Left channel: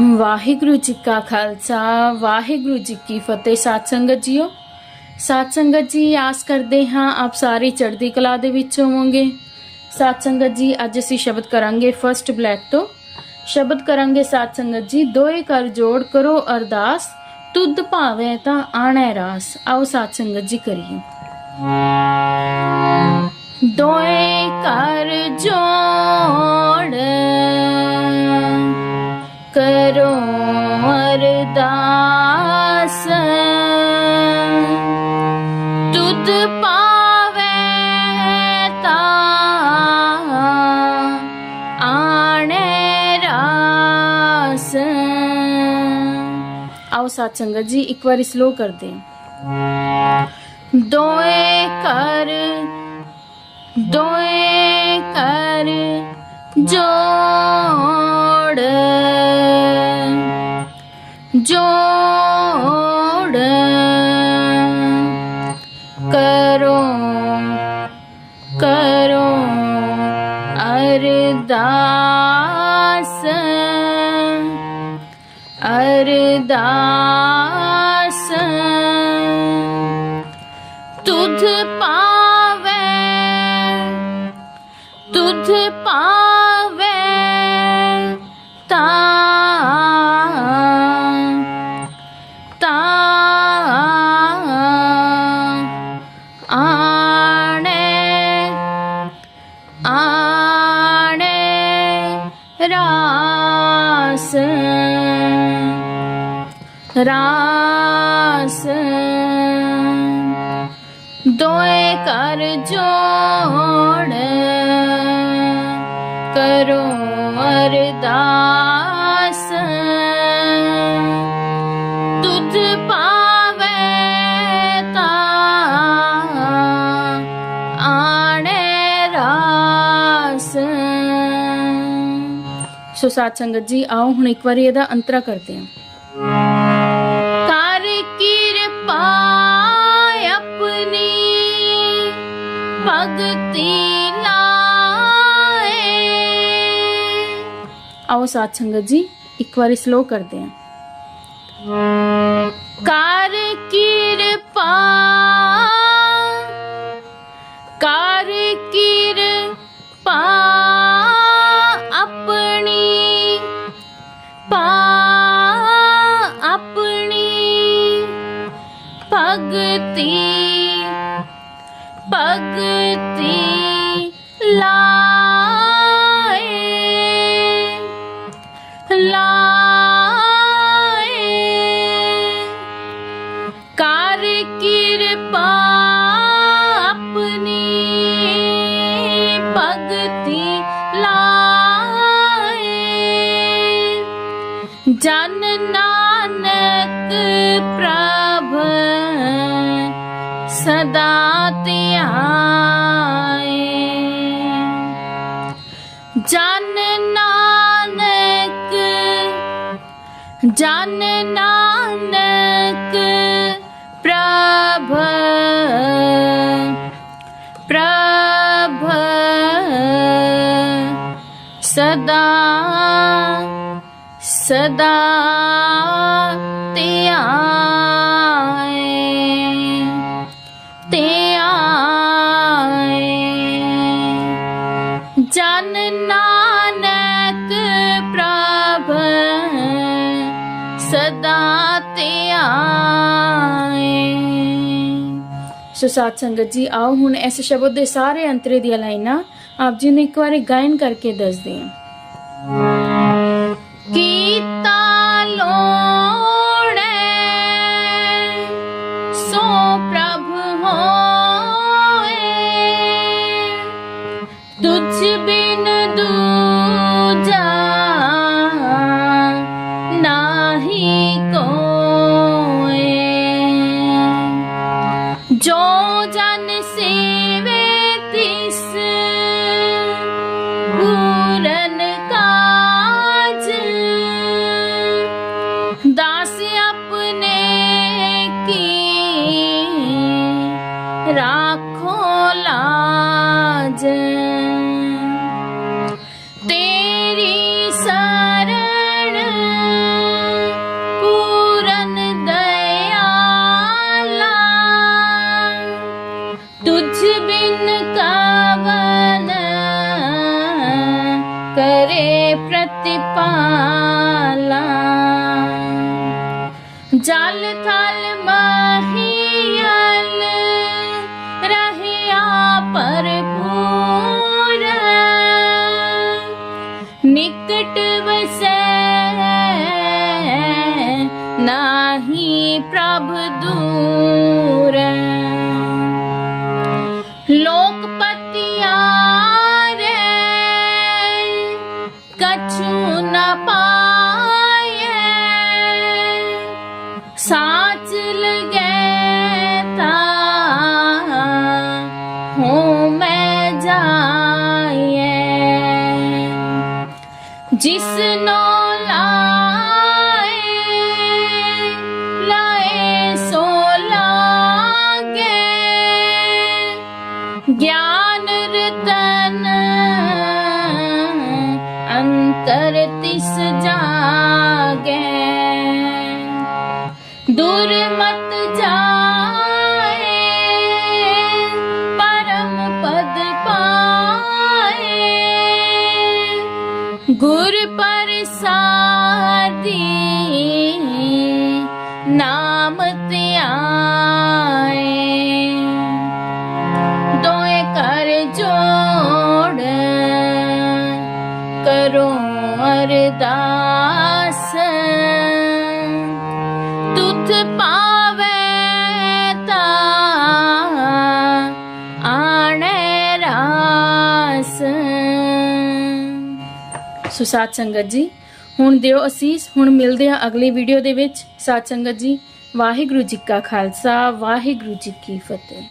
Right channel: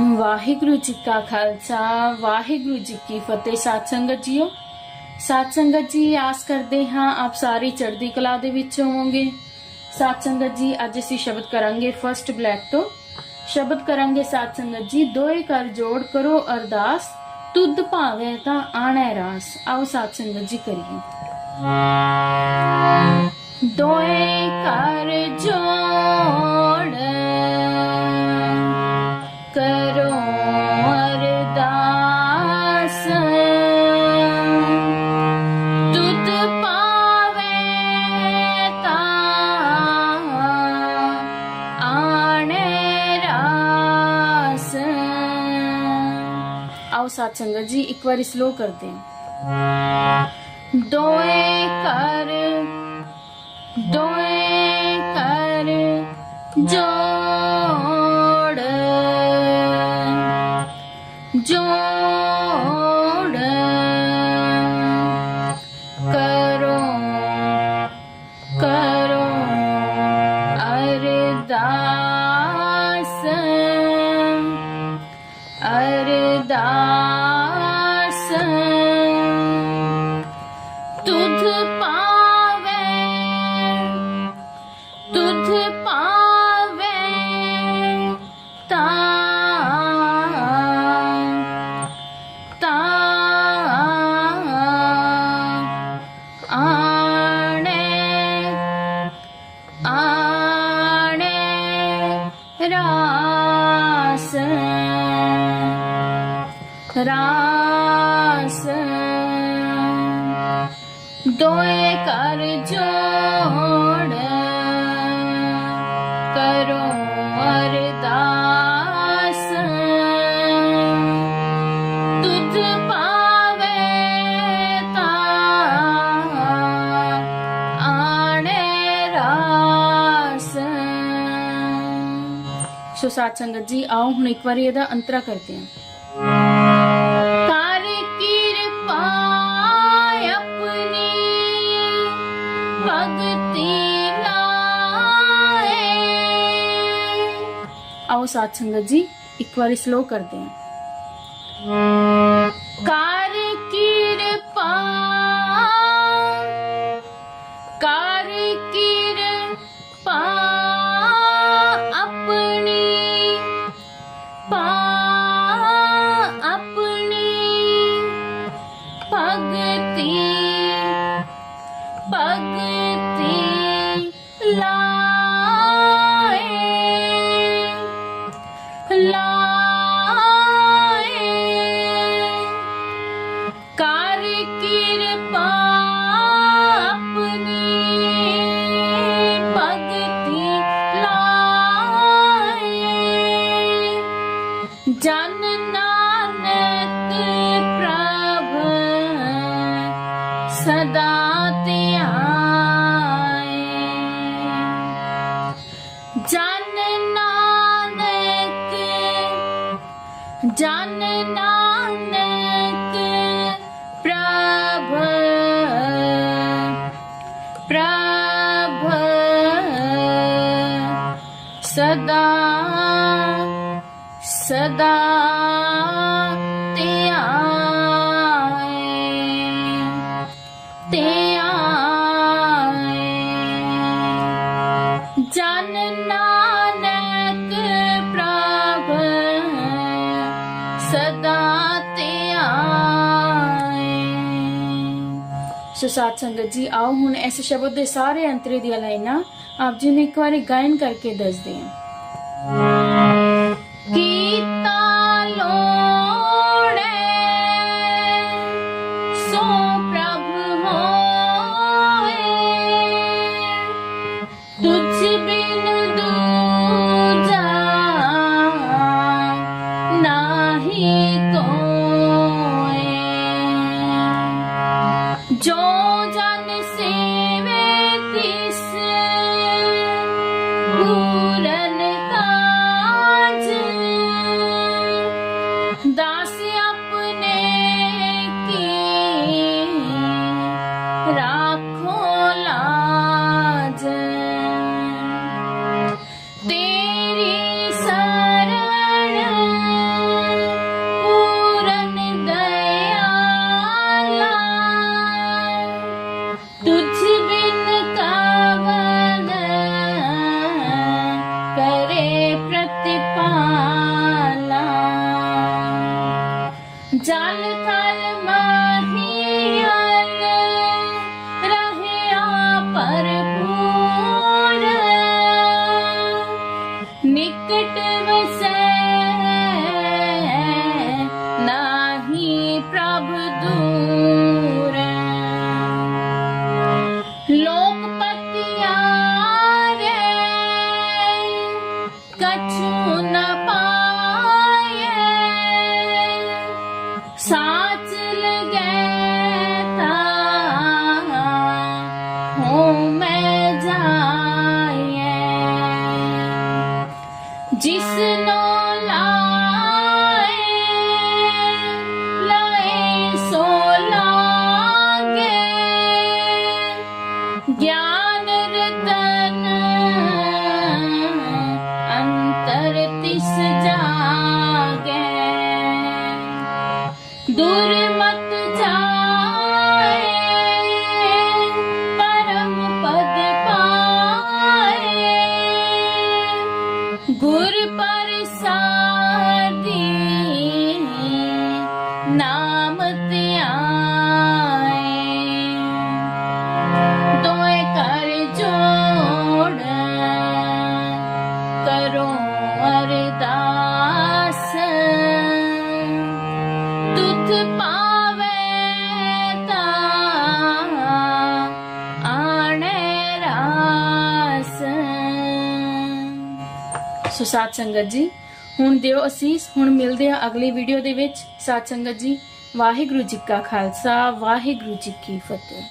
ਵਾਹਿਗੁਰੂ ਜੀ ਕਾ ਖਾਲਸਾ, ਵਾਹਿਗੁਰੂ ਜੀ ਕੀ ਫਤਿਹ। ਸਾਧ ਸੰਗਤ ਜੀਓ, ਸਾਧ ਸੰਗਤ ਜੀ, ਆਸ ਕਰਦੇ ਹਾਂ ਆਪ ਸਾਰੇ ਚੜ੍ਹਦੀ ਕਲਾ ਦੇ ਵਿੱਚ ਹੋਵੋਗੇ। ਸਾਧ ਸੰਗਤ ਜੀ, ਅੱਜ ਅਸੀਂ ਸ਼ਬਦ ਕਰਾਂਗੇ ਫਰਸਟ ਬਲੈਕ ਤੋਂ। ਸ਼ਬਦ ਕਰਾਂਗੇ ਸਾਧ ਸੰਗਤ ਜੀ, ਦੋਏ ਕਰ ਜੋੜ ਕਰੋ ਅਰਦਾਸ, ਤੁਧ ਭਾਵੇਂ ਤਾਂ ਆਣੈ ਰਾਸ। ਆਓ ਸਾਧ ਸੰਗਤ ਜੀ ਕਰੀਏ। ਦੋਏ ਕਰ ਜੋੜ ਆਓ ਸੰਗਤ ਜੀ ਇੱਕ ਵਾਰੀ ਸਲੋ ਕਰਦੇ ਹਾਂ। ਦੋਏ ਕਰ ਰਾਸ। ਦੋਏ ਕਰ ਜੋੜ ਕਰੋ ਅਰਦਾਸ। ਤੁਧ ਪਾਵੇ ਤਾਂ ਆਣੇ ਰਾਸ। ਸੋ ਸਾਧ ਸੰਗਤ ਜੀ, ਆਓ ਹੁਣ ਇੱਕ ਵਾਰੀ ਇਹਦਾ ਅੰਤਰਾ ਕਰਦੇ ਹਾਂ। ਆਓ ਸਾਧ ਸੰਗਤ ਜੀ, ਇੱਕ ਵਾਰੀ ਸਲੋ ਕਰਦੇ ਹਾਂ। ਕਰ ਕਿਰਪਾ ਕਰ ਕਿਰਪਾ ਆਪਣੀ, ਪਾ ਆਪਣੀ ਭਗਤੀ ਭਗਤੀ ਲਾਏ सदा जन नानक जन नानक प्रभ प्रभ सदा सदा ਸਦਾ ਧਿਆਏ। ਸੋ ਸਾਧ ਸੰਗਤ ਜੀ, ਆਓ ਹੁਣ ਇਸ ਸ਼ਬਦ ਦੇ ਸਾਰੇ ਅੰਤਰੇ ਦੀਆਂ ਲਾਈਨਾਂ ਆਪ ਜੀ ਨੂੰ ਇੱਕ ਵਾਰੀ ਗਾਇਨ ਕਰਕੇ ਦੱਸਦੇ ਹਾਂ। Hum. ਪ੍ਰਭ ਦੂਰ ਲੋਕ ਪਤਿਆਰੇ ਕਛੂ ਨ ਪਾਏ ਤਿਸ ਜਾਗੇ ਦੁਰਮਤ ਜਾਏ ਪਰਮ ਪਦ ਪਾਏ। ਗੁਰ ਪ੍ਰਸਾਦੀ ਸੋ ਸਾਧ ਸੰਗਤ ਜੀ। ਹੁਣ ਦਿਓ ਅਸੀਸ, ਹੁਣ ਮਿਲਦੇ ਹਾਂ ਅਗਲੀ ਵੀਡੀਓ ਦੇ ਵਿੱਚ। ਸਾਥ ਸੰਗਤ ਜੀ, ਵਾਹਿਗੁਰੂ ਜੀ ਕਾ ਖਾਲਸਾ, ਵਾਹਿਗੁਰੂ ਜੀ ਕੀ ਫਤਿਹ।